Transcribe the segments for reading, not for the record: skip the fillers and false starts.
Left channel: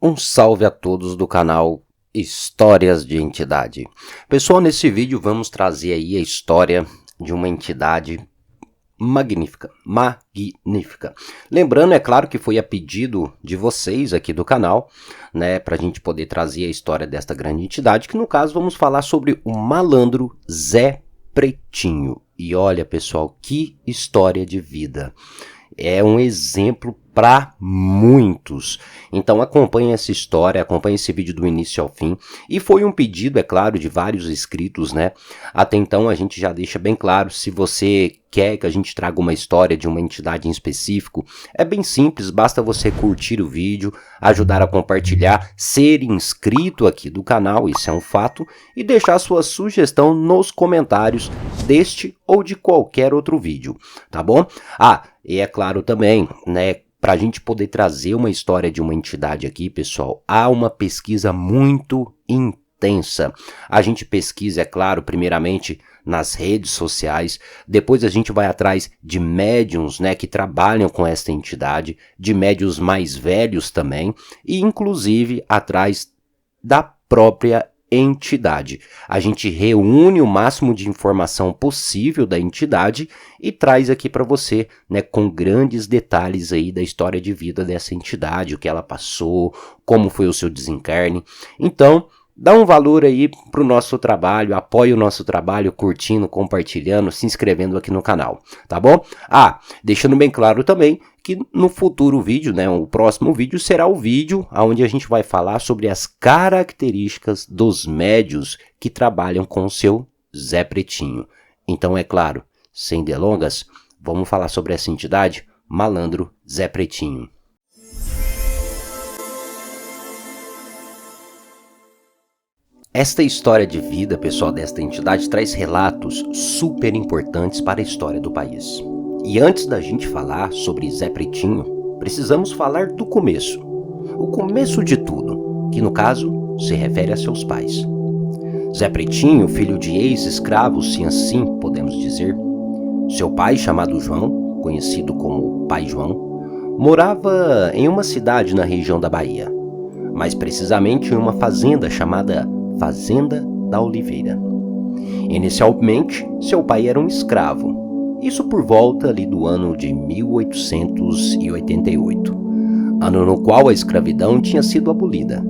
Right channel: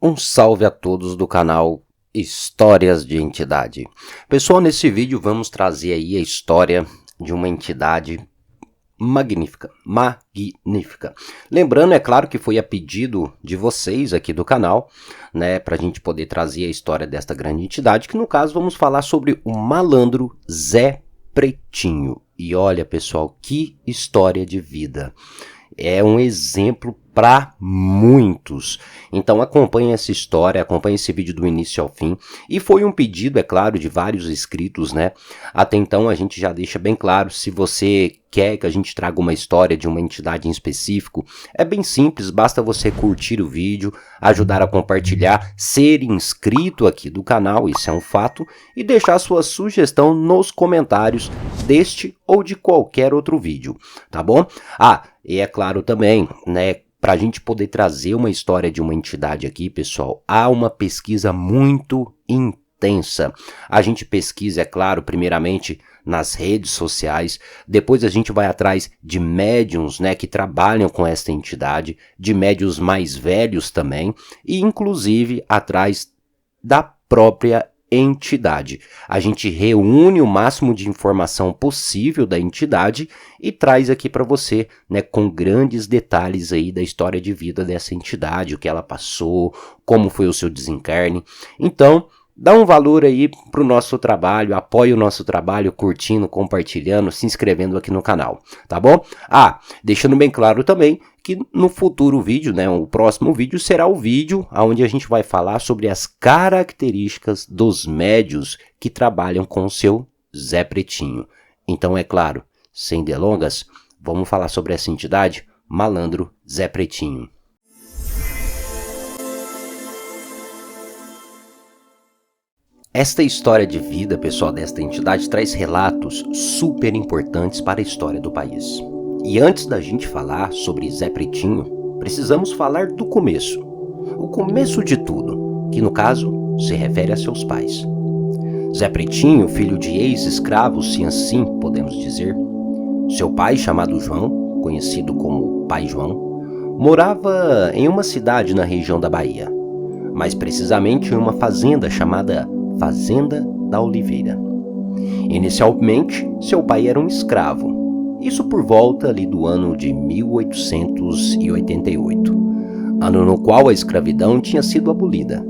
Um salve a todos do canal Histórias de Entidade. Pessoal, nesse vídeo vamos trazer aí a história de uma entidade magnífica. Lembrando, é claro que foi a pedido de vocês aqui do canal, né, pra gente poder trazer a história desta grande entidade, que no caso vamos falar sobre o malandro Zé Pretinho. E olha, pessoal, que história de vida. É um exemplo para muitos. Então acompanhe essa história, acompanhe esse vídeo do início ao fim. E foi um pedido, é claro, de vários inscritos, né? Até então a gente já deixa bem claro, se você quer que a gente traga uma história de uma entidade em específico, é bem simples, basta você curtir o vídeo, ajudar a compartilhar, ser inscrito aqui do canal, isso é um fato, e deixar sua sugestão nos comentários deste ou de qualquer outro vídeo, tá bom? E é claro também, né, para a gente poder trazer uma história de uma entidade aqui, pessoal, há uma pesquisa muito intensa. A gente pesquisa, é claro, primeiramente nas redes sociais, depois a gente vai atrás de médiums, né, que trabalham com esta entidade, de médiums mais velhos também, e inclusive atrás da própria entidade. A gente reúne o máximo de informação possível da entidade e traz aqui para você, né, com grandes detalhes aí da história de vida dessa entidade, o que ela passou, como foi o seu desencarne. Então, dá um valor aí pro nosso trabalho, apoie o nosso trabalho curtindo, compartilhando, se inscrevendo aqui no canal, tá bom? Deixando bem claro também que no futuro vídeo, né, o próximo vídeo será o vídeo onde a gente vai falar sobre as características dos médiuns que trabalham com o seu Zé Pretinho. Então, é claro, sem delongas, vamos falar sobre essa entidade, malandro Zé Pretinho. Esta história de vida, pessoal, desta entidade traz relatos super importantes para a história do país. E antes da gente falar sobre Zé Pretinho, precisamos falar do começo. O começo de tudo, que no caso se refere a seus pais. Zé Pretinho, filho de ex-escravos, se assim podemos dizer. Seu pai, chamado João, conhecido como Pai João, morava em uma cidade na região da Bahia, mais precisamente em uma fazenda chamada Fazenda da Oliveira. Inicialmente, seu pai era um escravo, isso por volta ali do ano de 1888, ano no qual a escravidão tinha sido abolida,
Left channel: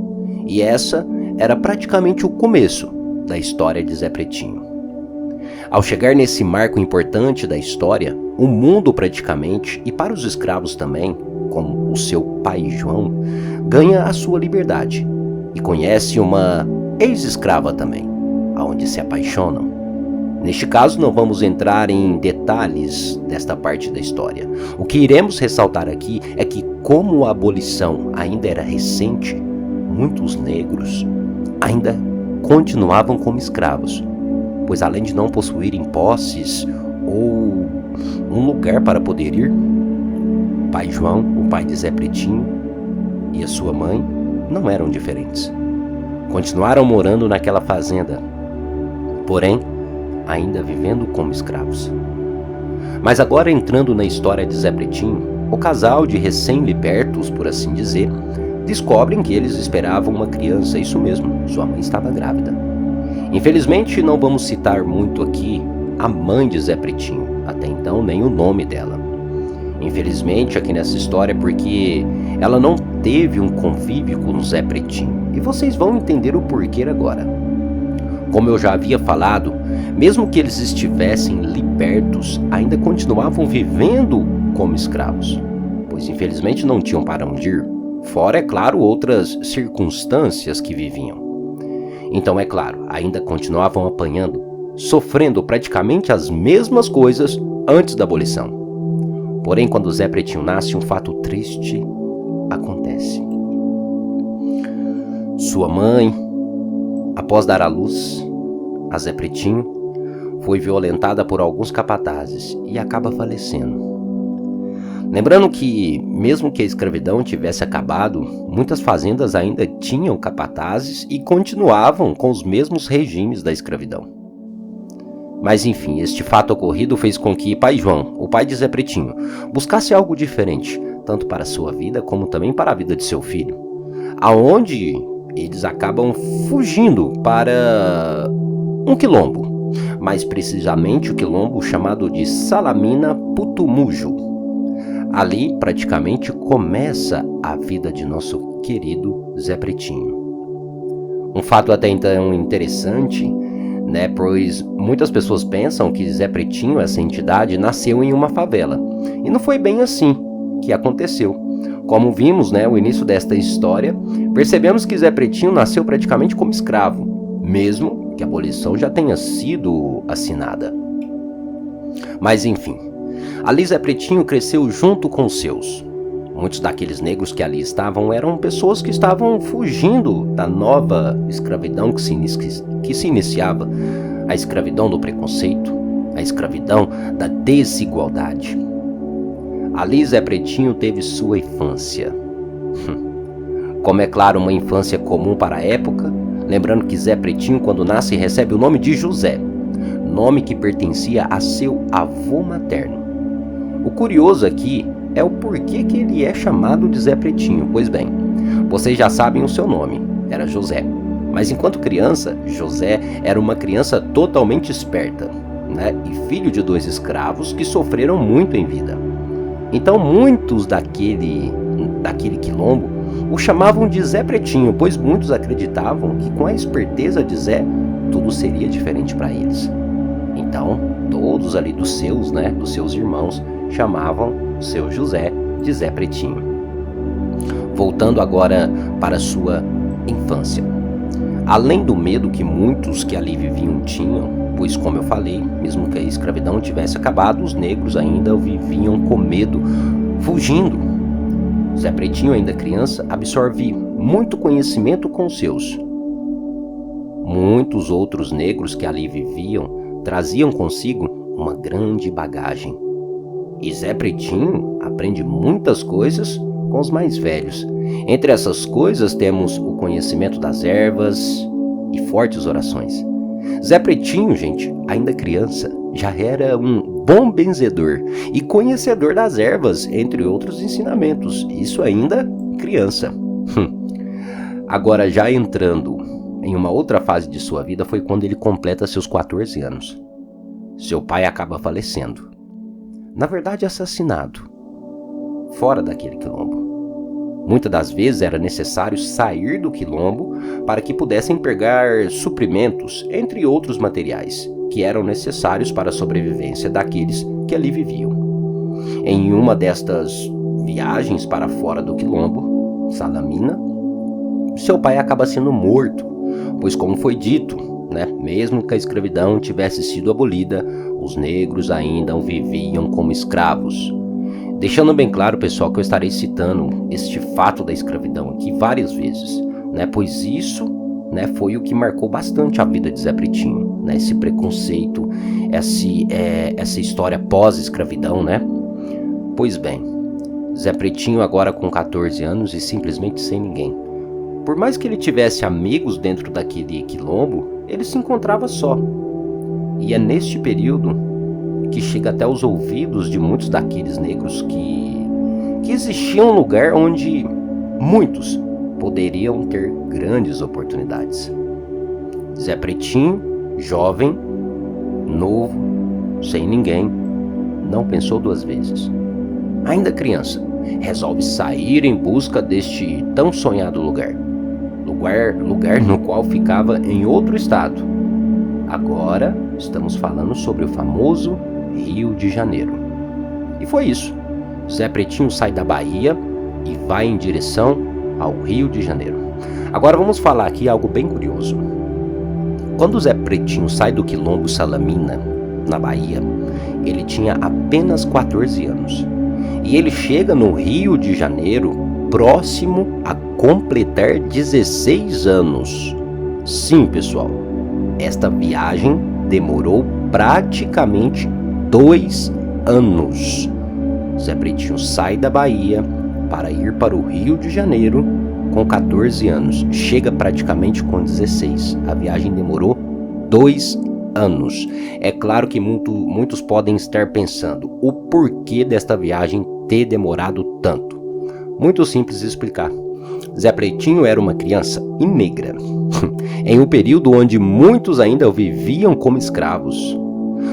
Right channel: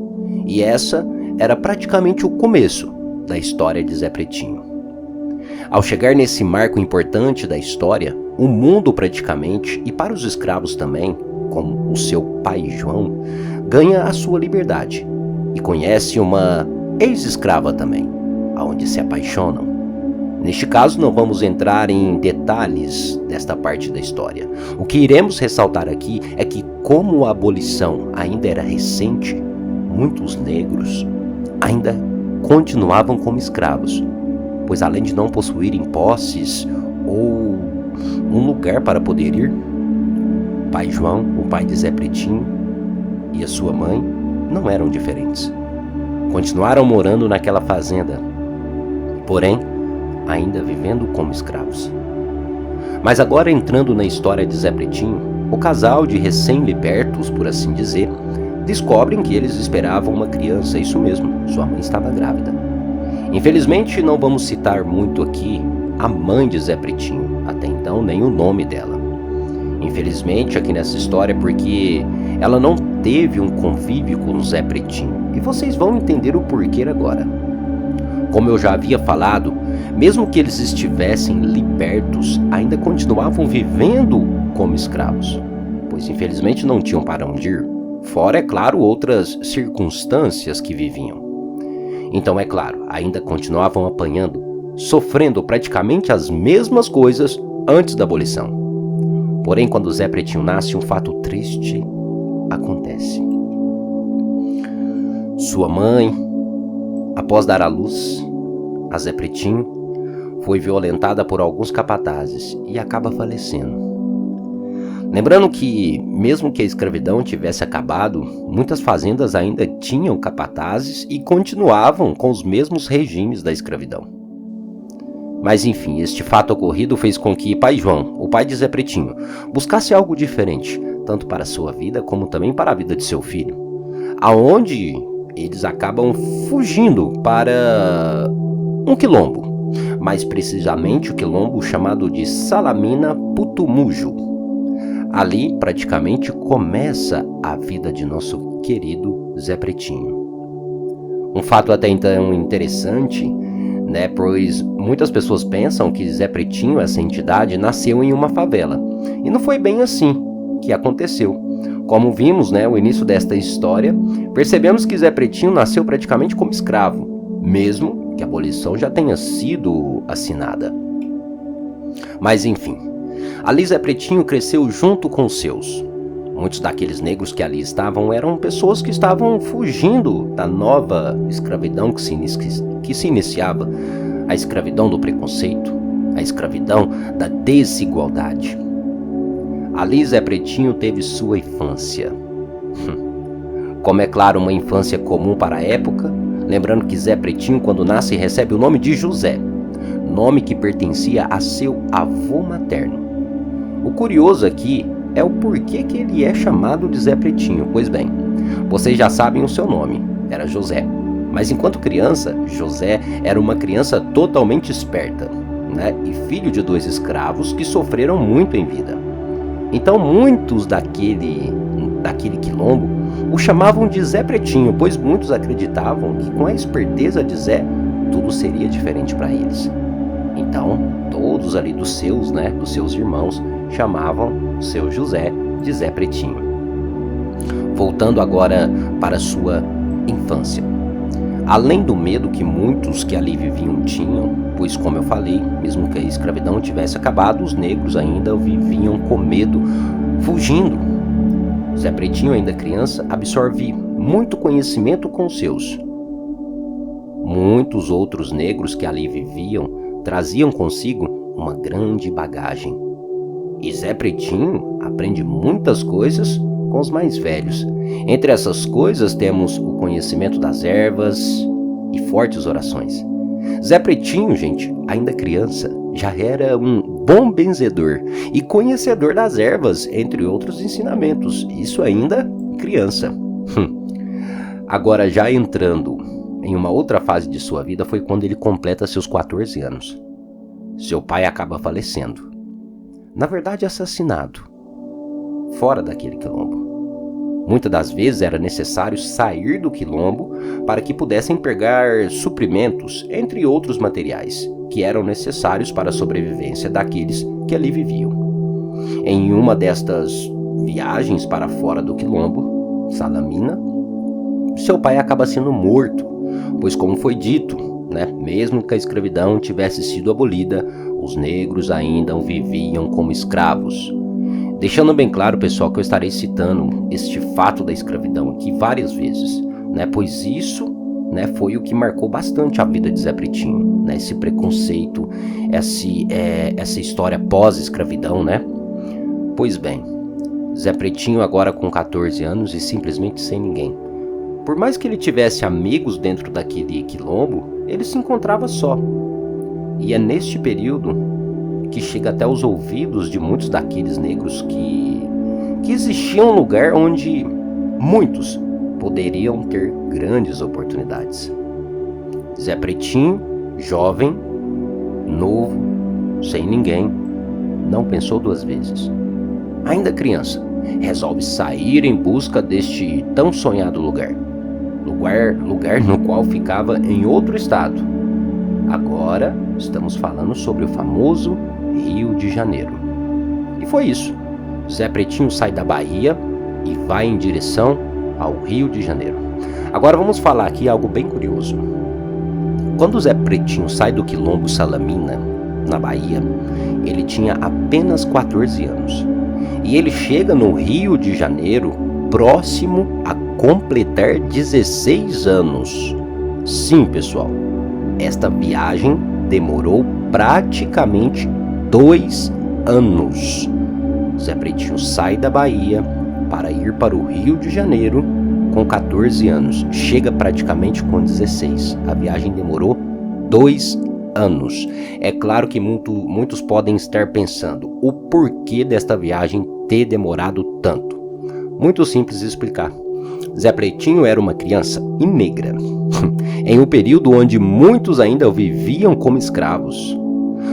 e essa era praticamente o começo da história de Zé Pretinho. Ao chegar nesse marco importante da história, o mundo praticamente, e para os escravos também, como o seu pai João, ganha a sua liberdade e conhece uma ex-escrava também, aonde se apaixonam. Neste caso, não vamos entrar em detalhes desta parte da história. O que iremos ressaltar aqui é que, como a abolição ainda era recente, muitos negros ainda continuavam como escravos, pois além de não possuírem posses ou um lugar para poder ir, Pai João, o pai de Zé Pretinho, e a sua mãe não eram diferentes. Continuaram morando naquela fazenda, porém, ainda vivendo como escravos. Mas agora, entrando na história de Zé Pretinho, o casal de recém-libertos, por assim dizer, descobrem que eles esperavam uma criança, isso mesmo, sua mãe estava grávida. Infelizmente, não vamos citar muito aqui a mãe de Zé Pretinho, até então nem o nome dela. Infelizmente, aqui nessa história, porque ela não teve um convívio com o Zé Pretinho, e vocês vão entender o porquê agora. Como eu já havia falado, mesmo que eles estivessem libertos, ainda continuavam vivendo como escravos, pois infelizmente não tinham para onde ir, fora, é claro, outras circunstâncias que viviam. Então, é claro, ainda continuavam apanhando, sofrendo praticamente as mesmas coisas antes da abolição. Porém, quando Zé Pretinho nasce, um fato triste acontece. Sua mãe, após dar à luz a Zé Pretinho, foi violentada por alguns capatazes e acaba falecendo. Lembrando que, mesmo que a escravidão tivesse acabado, muitas fazendas ainda tinham capatazes e continuavam com os mesmos regimes da escravidão. Mas enfim, este fato ocorrido fez com que Pai João, o pai de Zé Pretinho, buscasse algo diferente, tanto para sua vida como também para a vida de seu filho. aonde eles acabam fugindo para um quilombo, mais precisamente o quilombo chamado de Salamina Putumujo. Ali praticamente começa a vida de nosso querido Zé Pretinho. Um fato até então interessante, né, pois muitas pessoas pensam que Zé Pretinho, essa entidade, nasceu em uma favela. E não foi bem assim que aconteceu. Como vimos, né, o início desta história, percebemos que Zé Pretinho nasceu praticamente como escravo, mesmo que a abolição já tenha sido assinada. Mas enfim, ali Zé Pretinho cresceu junto com os seus. Muitos daqueles negros que ali estavam eram pessoas que estavam fugindo da nova escravidão que se iniciava, a escravidão do preconceito, a escravidão da desigualdade. Ali Zé Pretinho teve sua infância. Como é claro, uma infância comum para a época, lembrando que Zé Pretinho, quando nasce, recebe o nome de José, nome que pertencia a seu avô materno. O curioso aqui é o porquê que ele é chamado de Zé Pretinho. Pois bem, vocês já sabem o seu nome, era José. Mas enquanto criança, José era uma criança totalmente esperta, né? E filho de 2 escravos que sofreram muito em vida. Então muitos daquele quilombo o chamavam de Zé Pretinho, pois muitos acreditavam que com a esperteza de Zé, tudo seria diferente para eles. Então, todos ali dos seus irmãos, chamavam o seu José de Zé Pretinho. Voltando agora para sua infância. Além do medo que muitos que ali viviam tinham, pois como eu falei, mesmo que a escravidão tivesse acabado, os negros ainda viviam com medo, fugindo. Zé Pretinho, ainda criança, absorve muito conhecimento com os seus. Muitos outros negros que ali viviam traziam consigo uma grande bagagem. E Zé Pretinho aprende muitas coisas com os mais velhos. Entre essas coisas temos o conhecimento das ervas e fortes orações. Zé Pretinho, gente, ainda criança, já era um bom benzedor e conhecedor das ervas, entre outros ensinamentos. Isso ainda criança. Agora, já entrando em uma outra fase de sua vida, foi quando ele completa seus 14 anos. Seu pai acaba falecendo. Na verdade, assassinado. Fora daquele quilombo. Muitas das vezes era necessário sair do quilombo para que pudessem pegar suprimentos, entre outros materiais, que eram necessários para a sobrevivência daqueles que ali viviam. Em uma destas viagens para fora do quilombo, Salamina, seu pai acaba sendo morto, pois como foi dito, mesmo que a escravidão tivesse sido abolida, os negros ainda viviam como escravos. Deixando bem claro, pessoal, que eu estarei citando este fato da escravidão aqui várias vezes, pois isso foi o que marcou bastante a vida de Zé Pretinho, esse preconceito, essa história pós-escravidão, Pois bem, Zé Pretinho agora com 14 anos e simplesmente sem ninguém. Por mais que ele tivesse amigos dentro daquele quilombo, ele se encontrava só. E é neste período que chega até os ouvidos de muitos daqueles negros que existia um lugar onde muitos poderiam ter grandes oportunidades. Zé Pretinho, jovem, novo, sem ninguém, não pensou 2 vezes. Ainda criança, resolve sair em busca deste tão sonhado lugar no qual ficava em outro estado. Agora estamos falando sobre o famoso Rio de Janeiro. E foi isso. Zé Pretinho sai da Bahia e vai em direção ao Rio de Janeiro. Agora vamos falar aqui algo bem curioso. Quando Zé Pretinho sai do quilombo Salamina, na Bahia, ele tinha apenas 14 anos. E ele chega no Rio de Janeiro próximo a completar 16 anos. Sim, pessoal, esta viagem demorou praticamente 2 anos. Zé Pretinho sai da Bahia para ir para o Rio de Janeiro com 14 anos. Chega praticamente com 16. A viagem demorou 2 anos. É claro que muitos podem estar pensando o porquê desta viagem ter demorado tanto. Muito simples de explicar. Zé Pretinho era uma criança e negra, em um período onde muitos ainda viviam como escravos.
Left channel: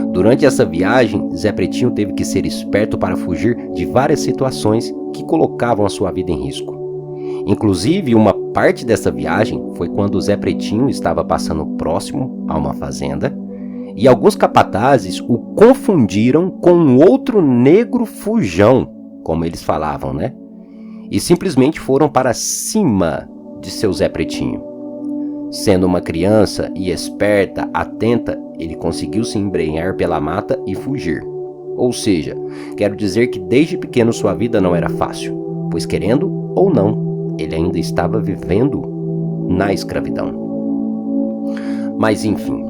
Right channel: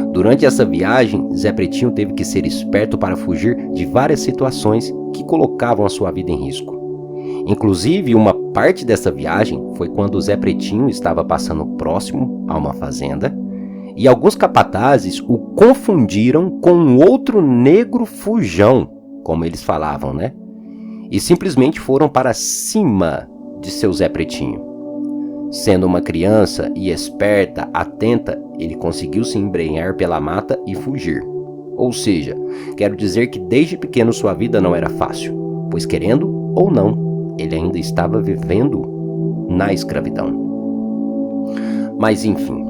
Durante essa viagem, Zé Pretinho teve que ser esperto para fugir de várias situações que colocavam a sua vida em risco. Inclusive, uma parte dessa viagem foi quando Zé Pretinho estava passando próximo a uma fazenda e alguns capatazes o confundiram com um outro negro fujão, como eles falavam, né? E simplesmente foram para cima de seu Zé Pretinho. Sendo uma criança e esperta, atenta, ele conseguiu se embrenhar pela mata e fugir. Ou seja, quero dizer que desde pequeno sua vida não era fácil, pois querendo ou não, ele ainda estava vivendo na escravidão. Mas enfim,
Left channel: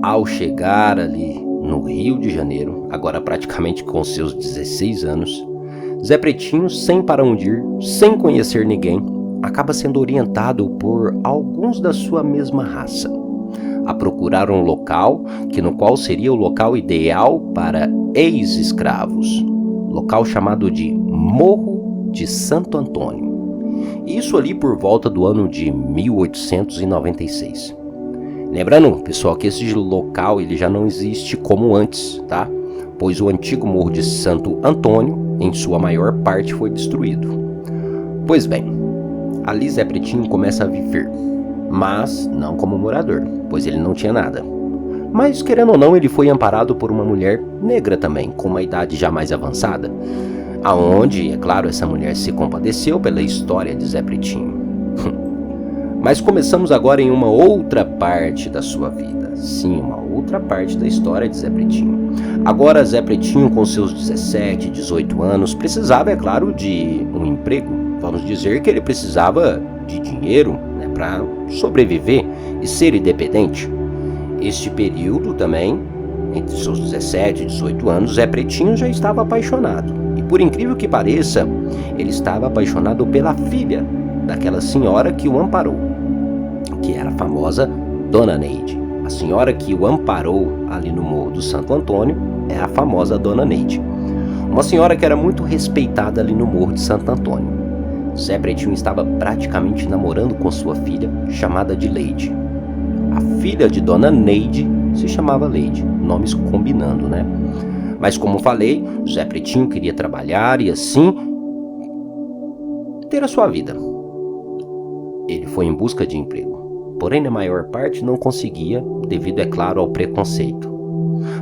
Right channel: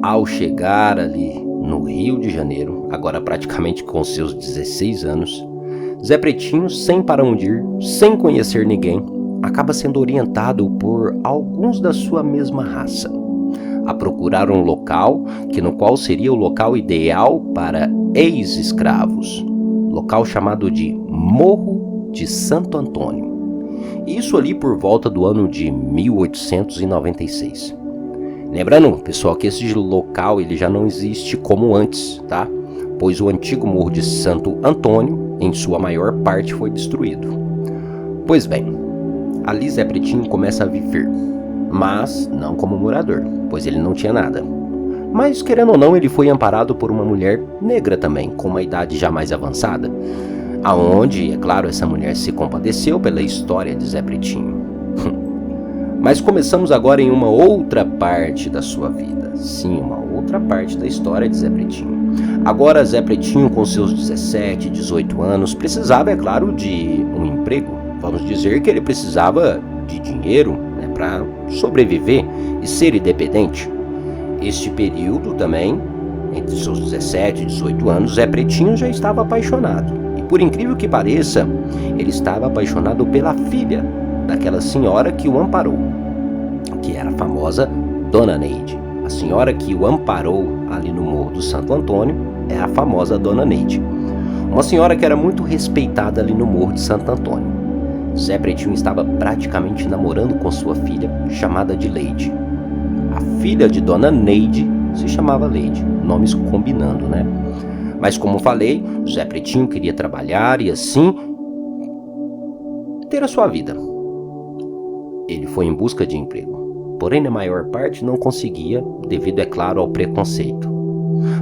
ao chegar ali no Rio de Janeiro, agora praticamente com seus 16 anos, Zé Pretinho, sem para onde ir, sem conhecer ninguém, acaba sendo orientado por alguns da sua mesma raça a procurar um local no qual seria o local ideal para ex-escravos, local chamado de Morro de Santo Antônio. Isso ali por volta do ano de 1896. Lembrando, pessoal, que esse local ele já não existe como antes, tá? Pois o antigo Morro de Santo Antônio, em sua maior parte, foi destruído. Pois bem, ali Zé Pretinho começa a viver, mas não como morador, pois ele não tinha nada. Mas, querendo ou não, ele foi amparado por uma mulher negra também, com uma idade já mais avançada, aonde, é claro, essa mulher se compadeceu pela história de Zé Pretinho. Mas começamos agora em uma outra parte da sua vida. Sim, uma outra parte da história de Zé Pretinho. Agora Zé Pretinho, com seus 17, 18 anos, precisava, é claro, de um emprego. Vamos dizer que ele precisava de dinheiro, né, para sobreviver e ser independente. Este período também, entre seus 17 e 18 anos, Zé Pretinho já estava apaixonado. E por incrível que pareça, ele estava apaixonado pela filha daquela senhora que o amparou, que era a famosa Dona Neide. A senhora que o amparou ali no Morro do Santo Antônio é a famosa Dona Neide. Uma senhora que era muito respeitada ali no Morro de Santo Antônio. Zé Pretinho estava praticamente namorando com sua filha, chamada de Leide. A filha de Dona Neide se chamava Leide, nomes combinando, né? Mas como falei, Zé Pretinho queria trabalhar e assim ter a sua vida. Ele foi em busca de emprego, porém na maior parte não conseguia, devido, é claro, ao preconceito.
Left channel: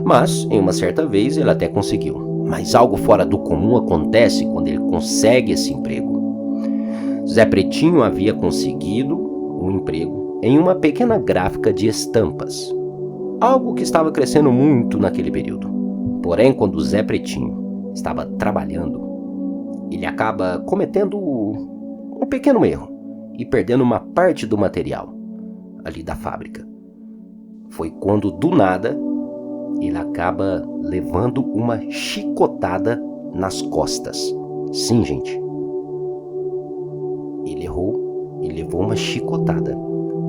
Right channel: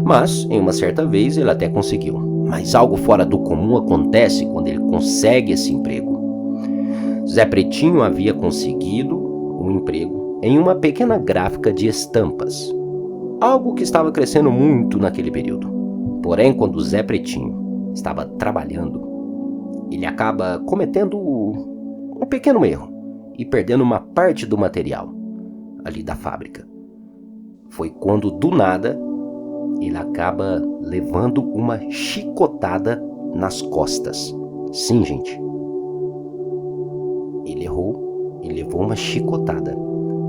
Mas, em uma certa vez, ele até conseguiu. Mas algo fora do comum acontece quando ele consegue esse emprego. Zé Pretinho havia conseguido um emprego em uma pequena gráfica de estampas, algo que estava crescendo muito naquele período. Porém, quando Zé Pretinho estava trabalhando, ele acaba cometendo um pequeno erro e perdendo uma parte do material ali da fábrica. Foi quando, do nada, ele acaba levando uma chicotada nas costas. Sim, gente. Ele errou e levou uma chicotada.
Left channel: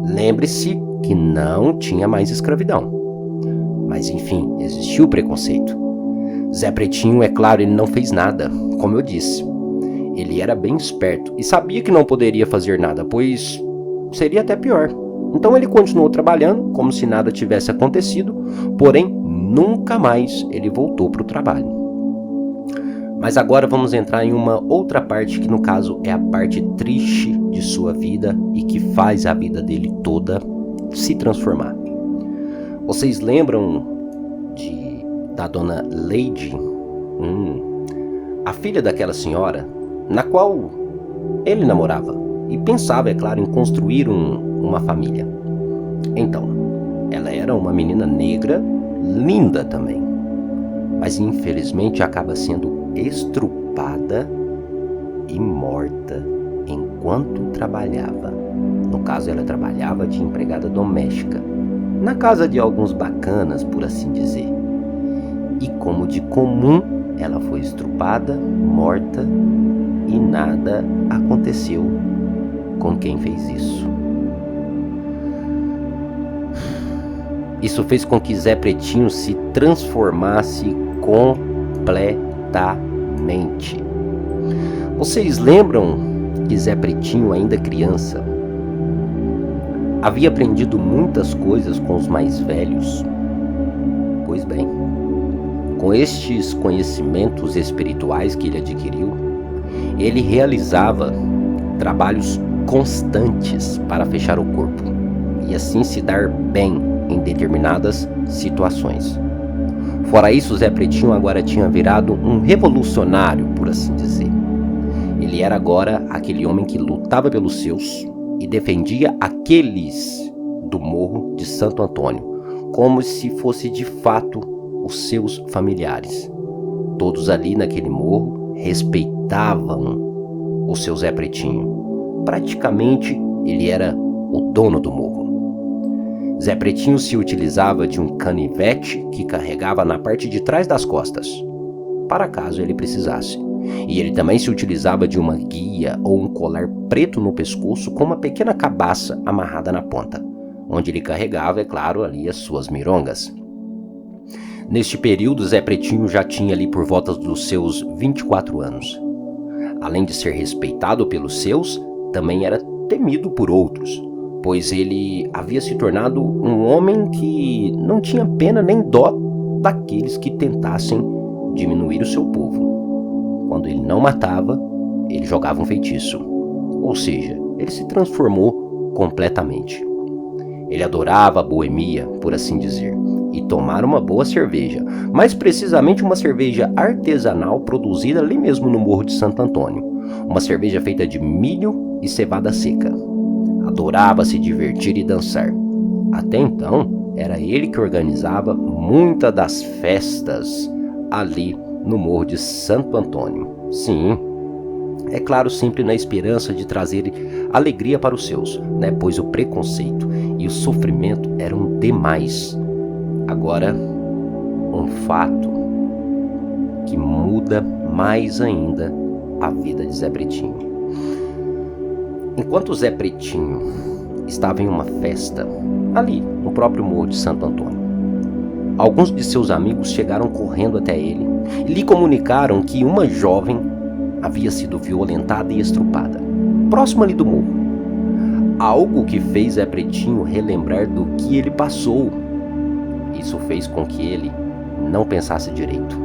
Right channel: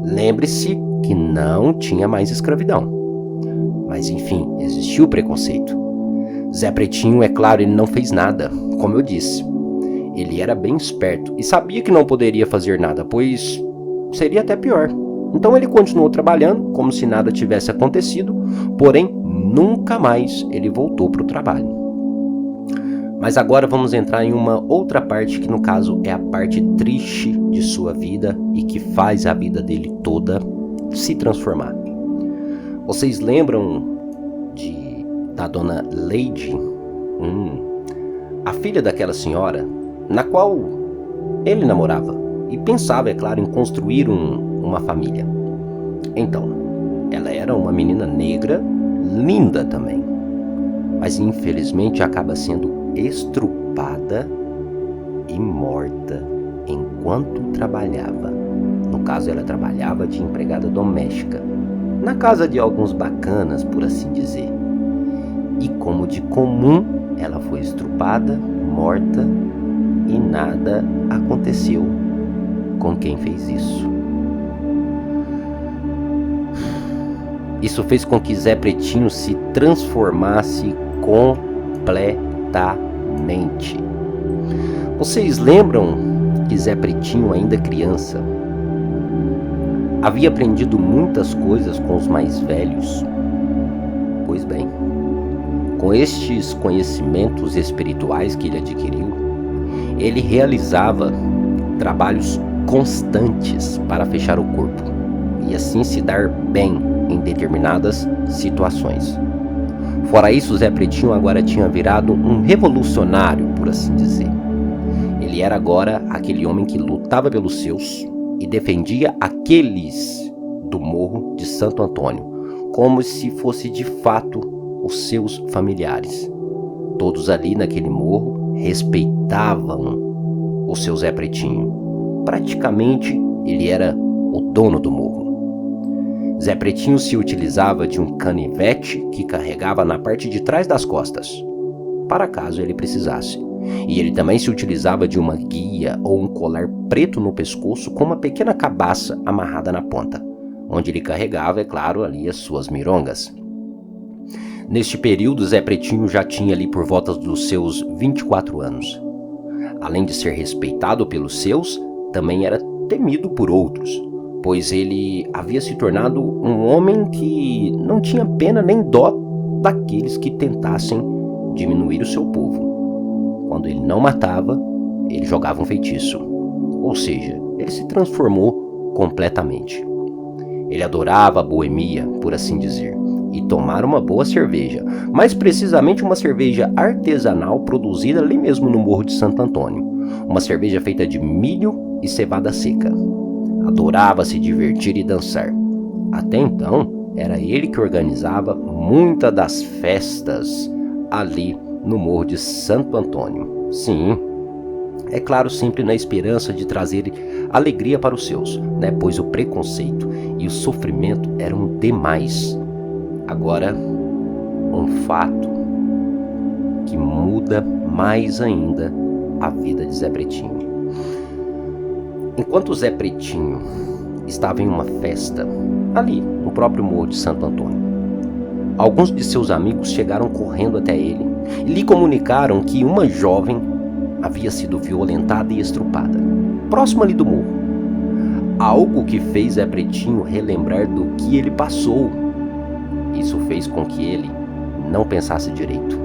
Lembre-se que não tinha mais escravidão. Mas enfim, existiu preconceito. Zé Pretinho, é claro, ele não fez nada, como eu disse. Ele era bem esperto e sabia que não poderia fazer nada, pois seria até pior. Então ele continuou trabalhando como se nada tivesse acontecido, porém nunca mais ele voltou para o trabalho. Mas agora vamos entrar em uma outra parte que no caso é a parte triste de sua vida e que faz a vida dele toda se transformar. Vocês lembram da Dona Leide? A filha daquela senhora, na qual ele namorava e pensava, é claro, em construir uma família. Então, ela era uma menina negra, linda também, mas infelizmente acaba sendo estrupada e morta enquanto trabalhava. No caso, ela trabalhava de empregada doméstica, na casa de alguns bacanas, por assim dizer. E como de comum, ela foi estrupada, morta, e nada aconteceu com quem fez isso. Isso fez com que Zé Pretinho se transformasse completamente. Vocês lembram que Zé Pretinho, ainda criança, havia aprendido muitas coisas com os mais velhos. Pois bem, com estes conhecimentos espirituais que ele adquiriu, ele realizava trabalhos constantes para fechar o corpo e assim se dar bem em determinadas situações. Fora isso, Zé Pretinho agora tinha virado um revolucionário, por assim dizer. Ele era agora aquele homem que lutava pelos seus e defendia aqueles do Morro de Santo Antônio, como se fosse de fato os seus familiares. Todos ali naquele morro respeitavam o seu Zé Pretinho. Praticamente ele era o dono do morro. Zé Pretinho se utilizava de um canivete que carregava na parte de trás das costas, para caso ele precisasse. E ele também se utilizava de uma guia ou um colar preto no pescoço com uma pequena cabaça amarrada na ponta, onde ele carregava, é claro, ali as suas mirongas. Neste período, Zé Pretinho já tinha ali por volta dos seus 24 anos. Além de ser respeitado pelos seus, também era temido por outros, pois ele havia se tornado um homem que não tinha pena nem dó daqueles que tentassem diminuir o seu povo. Quando ele não matava, ele jogava um feitiço, ou seja, ele se transformou completamente. Ele adorava a boemia, por assim dizer, e tomar uma boa cerveja, mais precisamente uma cerveja artesanal produzida ali mesmo no Morro de Santo Antônio, uma cerveja feita de milho e cevada seca. Adorava se divertir e dançar. Até então, era ele que organizava muitas das festas ali no Morro de Santo Antônio. Sim, é claro, sempre na esperança de trazer alegria para os seus, né? Pois o preconceito e o sofrimento eram demais. Agora, um fato que muda mais ainda a vida de Zé Pretinho. Enquanto Zé Pretinho estava em uma festa, ali no próprio Morro de Santo Antônio, alguns de seus amigos chegaram correndo até ele e lhe comunicaram que uma jovem havia sido violentada e estrupada, próximo ali do morro. Algo que fez Zé Pretinho relembrar do que ele passou. Isso fez com que ele não pensasse direito.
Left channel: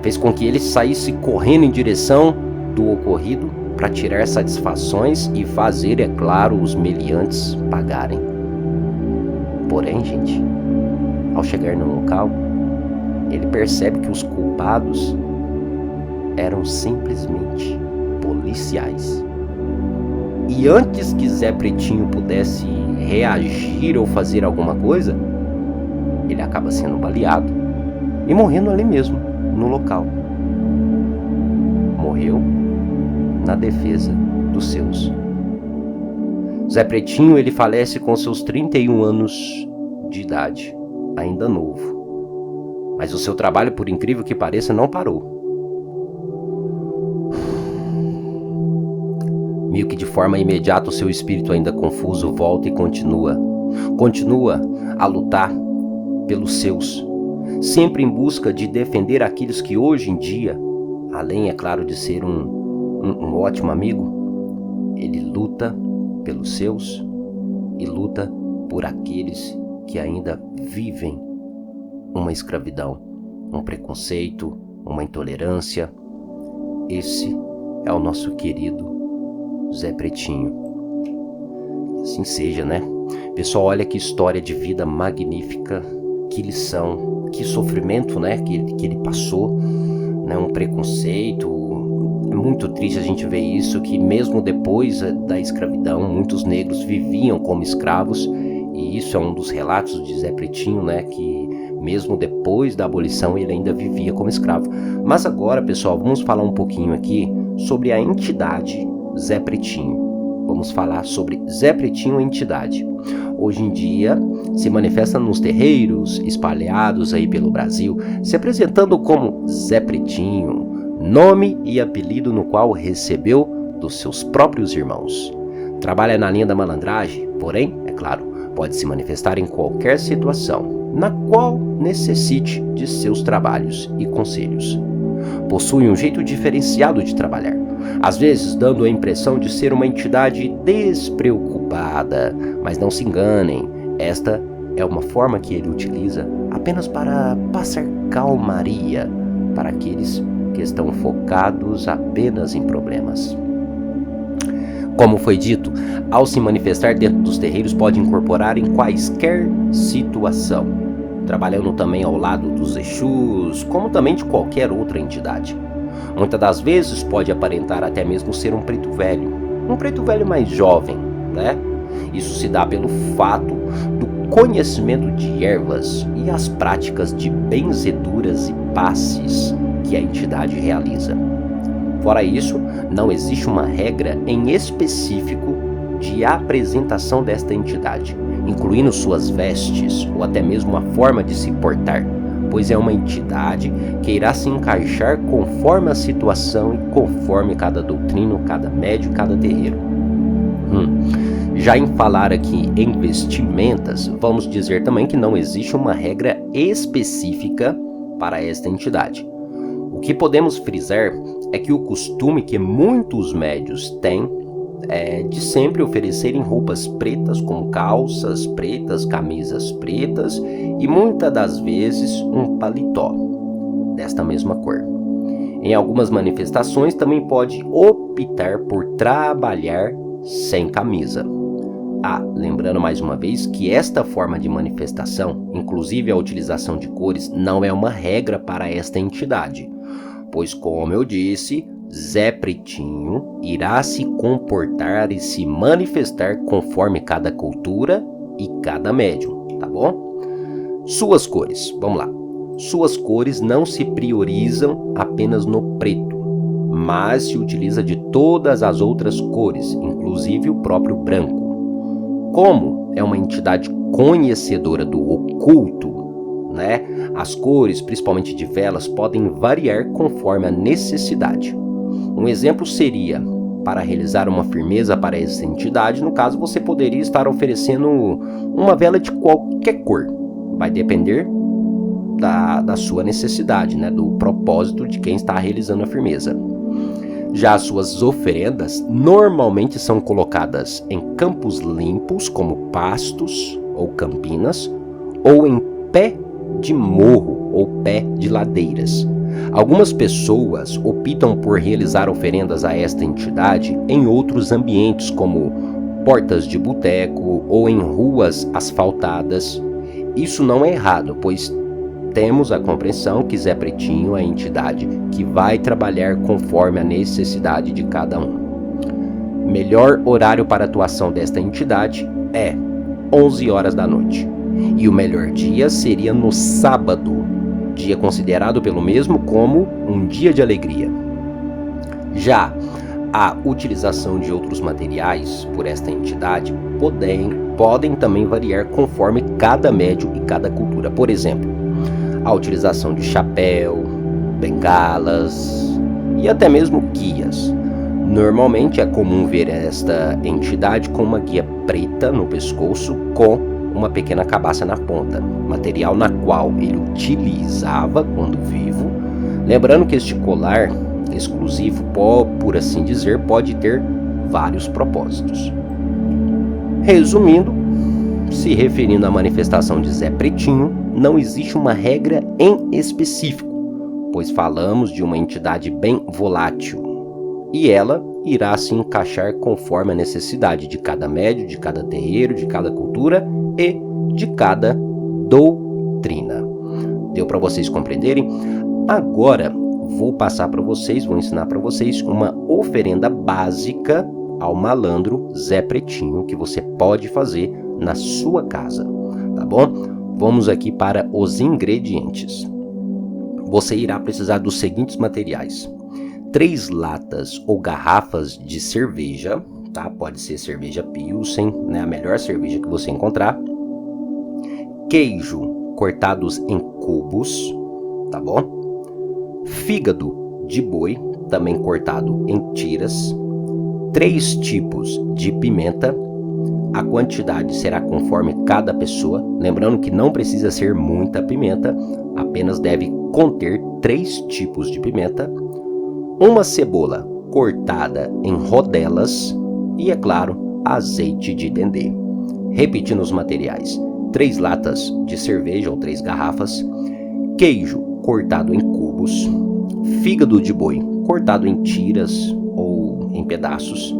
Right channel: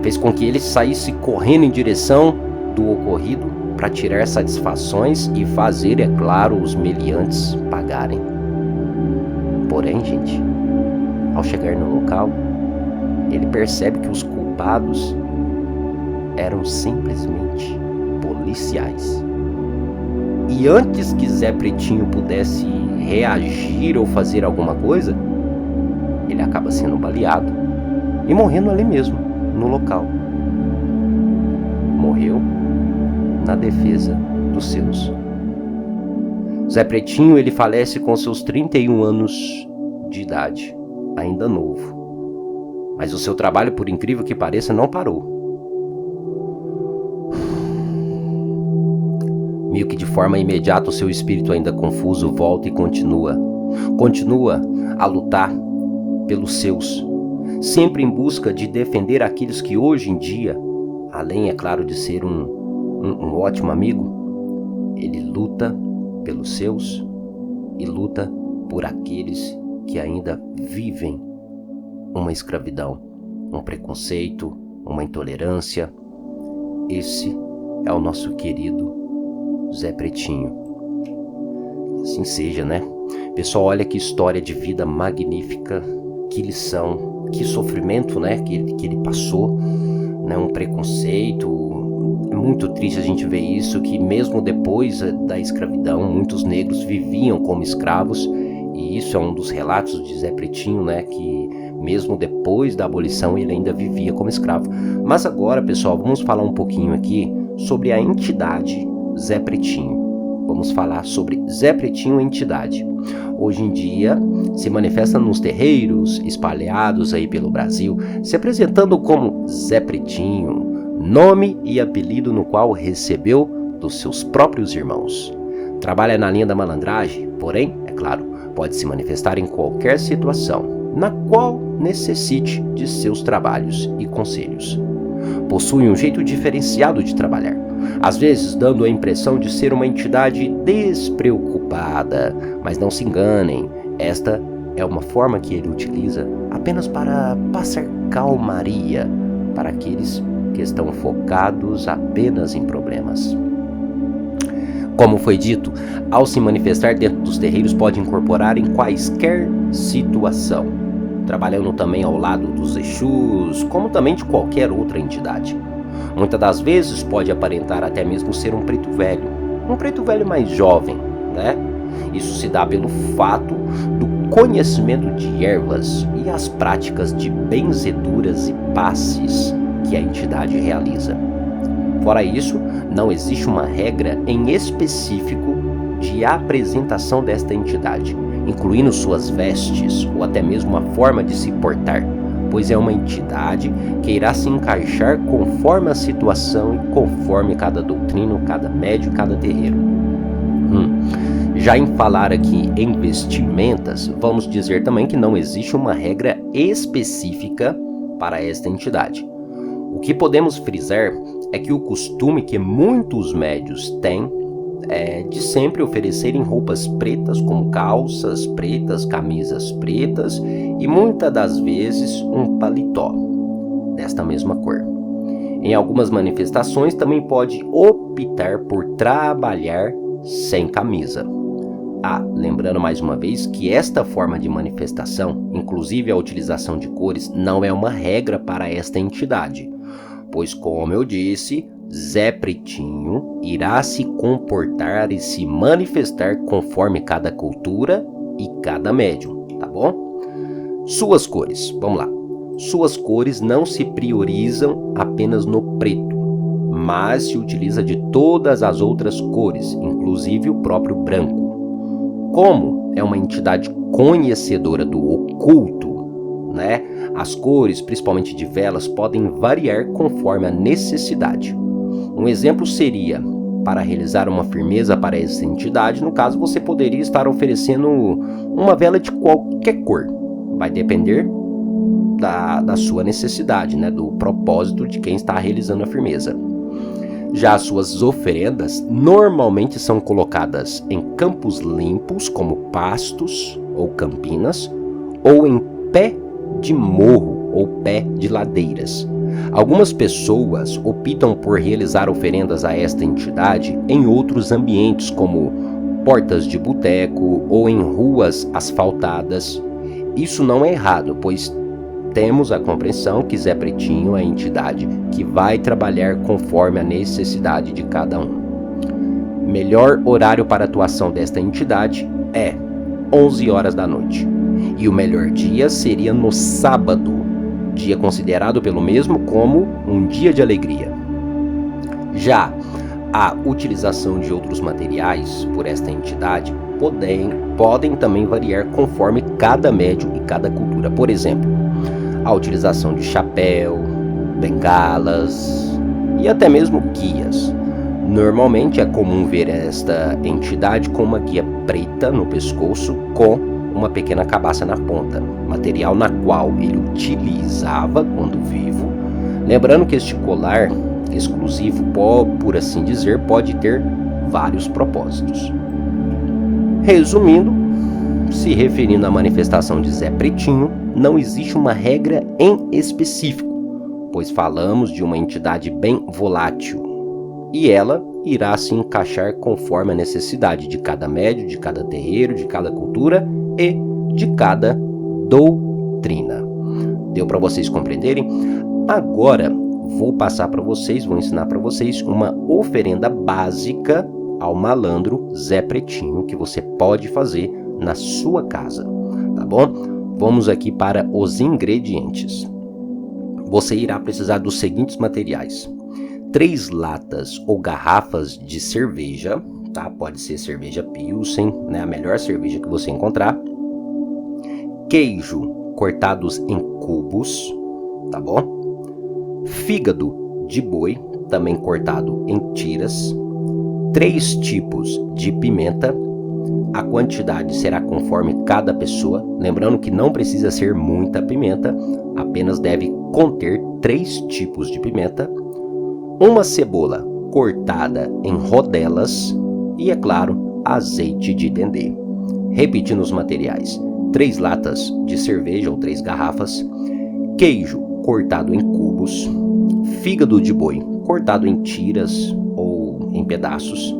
Fez com que ele saísse correndo em direção do ocorrido para tirar satisfações e fazer, é claro, os meliantes pagarem. Porém, gente, ao chegar no local, ele percebe que os culpados eram simplesmente policiais. E antes que Zé Pretinho pudesse reagir ou fazer alguma coisa, ele acaba sendo baleado e morrendo ali mesmo, no local. Morreu na defesa dos seus. Zé Pretinho, ele falece com seus 31 anos de idade, ainda novo. Mas o seu trabalho, por incrível que pareça, não parou. Meio que de forma imediata o seu espírito, ainda confuso, volta e continua a lutar pelos seus, sempre em busca de defender aqueles que hoje em dia, além, é claro, de ser um ótimo amigo, ele luta pelos seus e luta por aqueles que ainda vivem uma escravidão, um preconceito, uma intolerância. Esse é o nosso querido Zé Pretinho. Assim seja, né? Pessoal, olha que história de vida magnífica, que lição, que sofrimento, né? Que ele passou, né? Um preconceito. É muito triste a gente ver isso, que mesmo depois da escravidão, muitos negros viviam como escravos, e isso é um dos relatos de Zé Pretinho, né? Que mesmo depois da abolição ele ainda vivia como escravo. Mas agora, pessoal, vamos falar um pouquinho aqui sobre a entidade Zé Pretinho. Vamos falar sobre Zé Pretinho, entidade. Hoje em dia se manifesta nos terreiros espalhados aí pelo Brasil, se apresentando como Zé Pretinho, nome e apelido no qual recebeu dos seus próprios irmãos. Trabalha na linha da malandragem, porém, é claro, pode se manifestar em qualquer situação, na qual necessite de seus trabalhos e conselhos. Possui um jeito diferenciado de trabalhar, às vezes dando a impressão de ser uma entidade despreocupada. Mas não se enganem, esta é uma forma que ele utiliza apenas para passar calmaria para aqueles que estão focados apenas em problemas. Como foi dito, ao se manifestar dentro dos terreiros pode incorporar em quaisquer situação, trabalhando também ao lado dos Exus, como também de qualquer outra entidade. Muitas das vezes pode aparentar até mesmo ser um preto velho mais jovem, né? Isso se dá pelo fato do conhecimento de ervas e as práticas de benzeduras e passes que a entidade realiza. Fora isso, não existe uma regra em específico de apresentação desta entidade, incluindo suas vestes ou até mesmo a forma de se portar, pois é uma entidade que irá se encaixar conforme a situação e conforme cada doutrina, cada médio e cada terreiro. Já em falar aqui em vestimentas, vamos dizer também que não existe uma regra específica para esta entidade. O que podemos frisar é que o costume que muitos médios têm é de sempre oferecerem roupas pretas, como calças pretas, camisas pretas e muitas das vezes um paletó desta mesma cor. Em algumas manifestações também pode optar por trabalhar sem camisa. Lembrando mais uma vez que esta forma de manifestação, inclusive a utilização de cores, não é uma regra para esta entidade, pois, como eu disse, Zé Pretinho irá se comportar e se manifestar conforme cada cultura e cada médium, tá bom? Suas cores, vamos lá. Suas cores não se priorizam apenas no preto, mas se utiliza de todas as outras cores, inclusive o próprio branco. Como é uma entidade conhecedora do oculto, né? As cores, principalmente de velas, podem variar conforme a necessidade. Um exemplo seria, para realizar uma firmeza para essa entidade, no caso você poderia estar oferecendo uma vela de qualquer cor. Vai depender da sua necessidade, né? Do propósito de quem está realizando a firmeza. Já as suas oferendas normalmente são colocadas em campos limpos, como pastos ou campinas, ou em pé de morro ou pé de ladeiras. Algumas pessoas optam por realizar oferendas a esta entidade em outros ambientes, como portas de boteco ou em ruas asfaltadas. Isso não é errado, pois temos a compreensão que Zé Pretinho é a entidade que vai trabalhar conforme a necessidade de cada um. Melhor horário para a atuação desta entidade é 11 horas da noite. E o melhor dia seria no sábado, dia considerado pelo mesmo como um dia de alegria. Já a utilização de outros materiais por esta entidade podem também variar conforme cada médium e cada cultura. Por exemplo, a utilização de chapéu, bengalas e até mesmo guias. Normalmente é comum ver esta entidade com uma guia preta no pescoço com uma pequena cabaça na ponta, material na qual ele utilizava quando vivo. Lembrando que este colar exclusivo, por assim dizer, pode ter vários propósitos. Resumindo, se referindo à manifestação de Zé Pretinho, não existe uma regra em específico, pois falamos de uma entidade bem volátil, e ela irá se encaixar conforme a necessidade de cada médium, de cada terreiro, de cada cultura e de cada doutrina. Deu para vocês compreenderem? Agora vou ensinar para vocês uma oferenda básica ao malandro Zé Pretinho que você pode fazer na sua casa, tá bom? Vamos aqui para os ingredientes. Você irá precisar dos seguintes materiais: 3 latas ou garrafas de cerveja, tá? Pode ser cerveja Pilsen, né? A melhor cerveja que você encontrar. Queijo cortados em cubos, tá bom? Fígado de boi, também cortado em tiras. 3 tipos de pimenta. A quantidade será conforme cada pessoa, lembrando que não precisa ser muita pimenta, apenas deve conter 3 tipos de pimenta. Uma cebola cortada em rodelas e, é claro, azeite de dendê. Repetindo os materiais: 3 latas de cerveja ou 3 garrafas, queijo cortado em cubos, fígado de boi cortado em tiras ou em pedaços,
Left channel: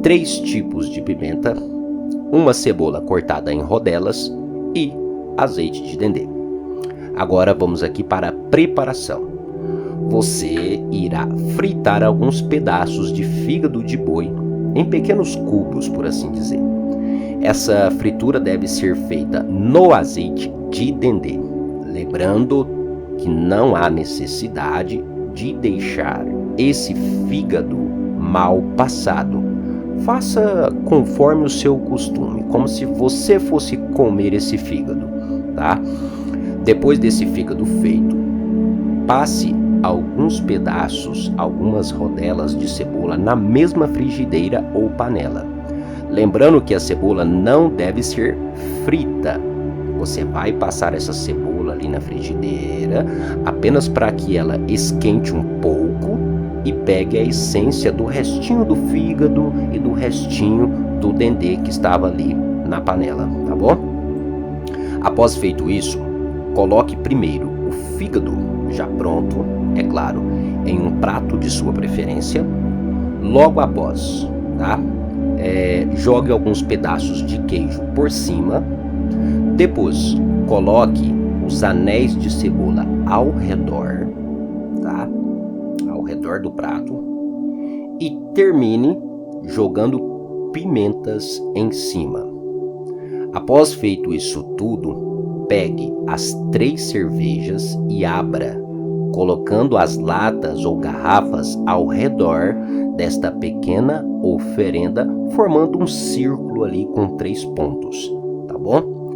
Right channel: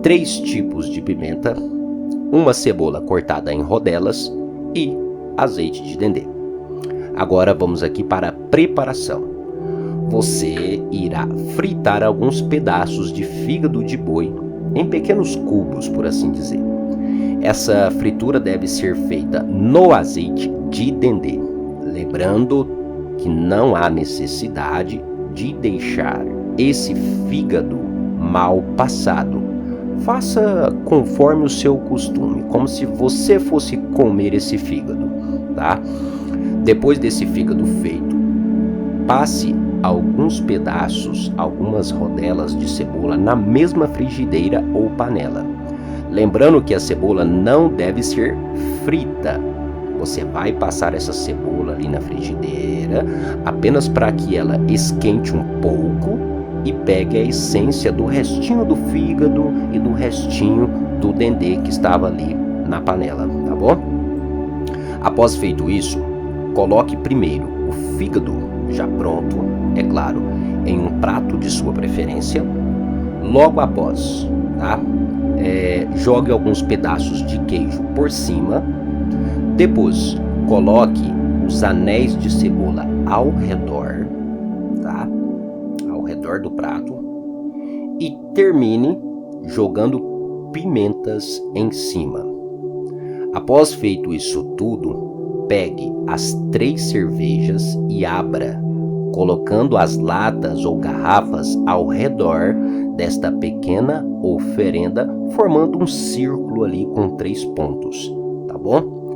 3 tipos de pimenta, uma cebola cortada em rodelas e azeite de dendê. Agora vamos aqui para a preparação. Você irá fritar alguns pedaços de fígado de boi em pequenos cubos, por assim dizer. Essa fritura deve ser feita no azeite de dendê. Lembrando que não há necessidade de deixar esse fígado mal passado. Faça conforme o seu costume, como se você fosse comer esse fígado, tá? Depois desse fígado feito, passe alguns pedaços, algumas rodelas de cebola na mesma frigideira ou panela. Lembrando que a cebola não deve ser frita. Você vai passar essa cebola ali na frigideira apenas para que ela esquente um pouco e pegue a essência do restinho do fígado e do restinho do dendê que estava ali na panela, tá bom? Após feito isso, coloque primeiro o fígado já pronto, é claro, em um prato de sua preferência. Logo após, tá? Jogue alguns pedaços de queijo por cima. Depois, coloque os anéis de cebola ao redor, tá? Ao redor do prato. E termine jogando pimentas em cima. Após feito isso tudo, pegue as 3 cervejas e abra, colocando as latas ou garrafas ao redor desta pequena oferenda, formando um círculo ali com 3 pontos, tá bom?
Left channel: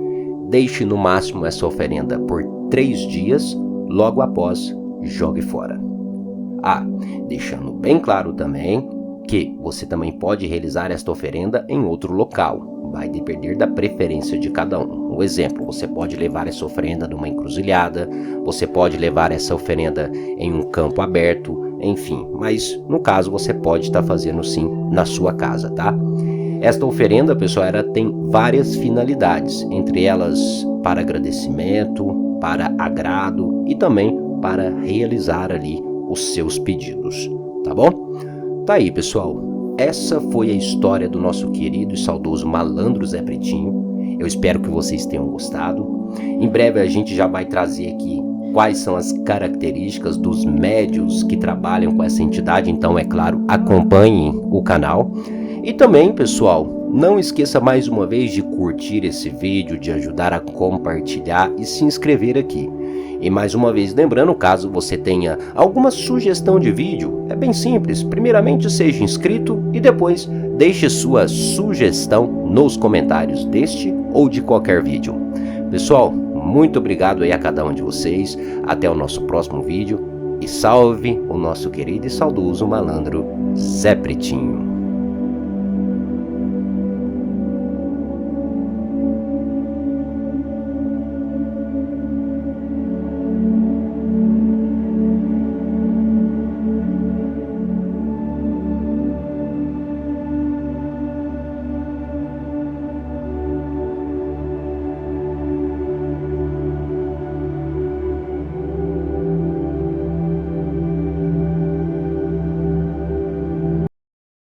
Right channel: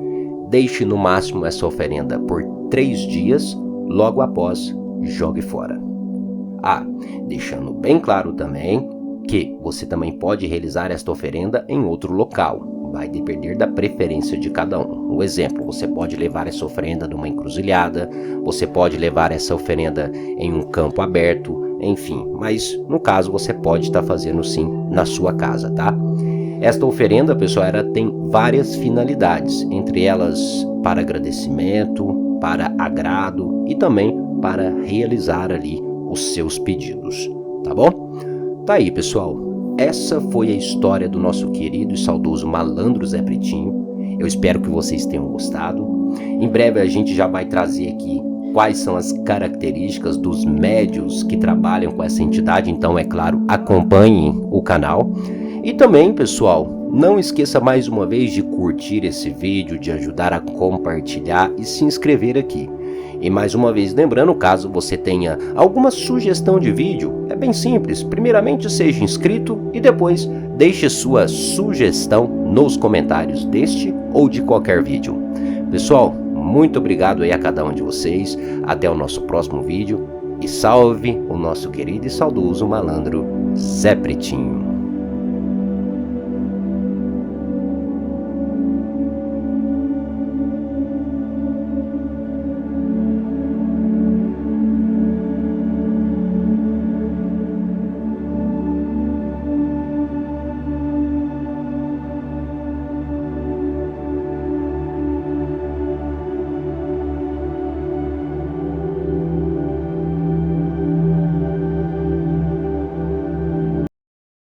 Deixe no máximo essa oferenda por 3 dias, logo após jogue fora. Deixando bem claro também que você também pode realizar esta oferenda em outro local, vai depender da preferência de cada um. Um exemplo, você pode levar essa oferenda numa encruzilhada, você pode levar essa oferenda em um campo aberto, enfim, mas no caso você pode estar fazendo sim na sua casa, tá? Esta oferenda, pessoal, ela tem várias finalidades, entre elas para agradecimento, para agrado e também para realizar ali os seus pedidos, tá bom? Tá aí, pessoal, essa foi a história do nosso querido e saudoso malandro Zé Pretinho. Eu espero que vocês tenham gostado. Em breve a gente já vai trazer aqui quais são as características dos médiuns que trabalham com essa entidade, então, é claro, acompanhem o canal. E também, pessoal, não esqueça mais uma vez de curtir esse vídeo, de ajudar a compartilhar e se inscrever aqui. E mais uma vez lembrando, caso você tenha alguma sugestão de vídeo, é bem simples. Primeiramente seja inscrito e depois deixe sua sugestão nos comentários deste ou de qualquer vídeo. Pessoal, muito obrigado aí a cada um de vocês. Até o nosso próximo vídeo. E salve o nosso querido e saudoso malandro Zé Pretinho.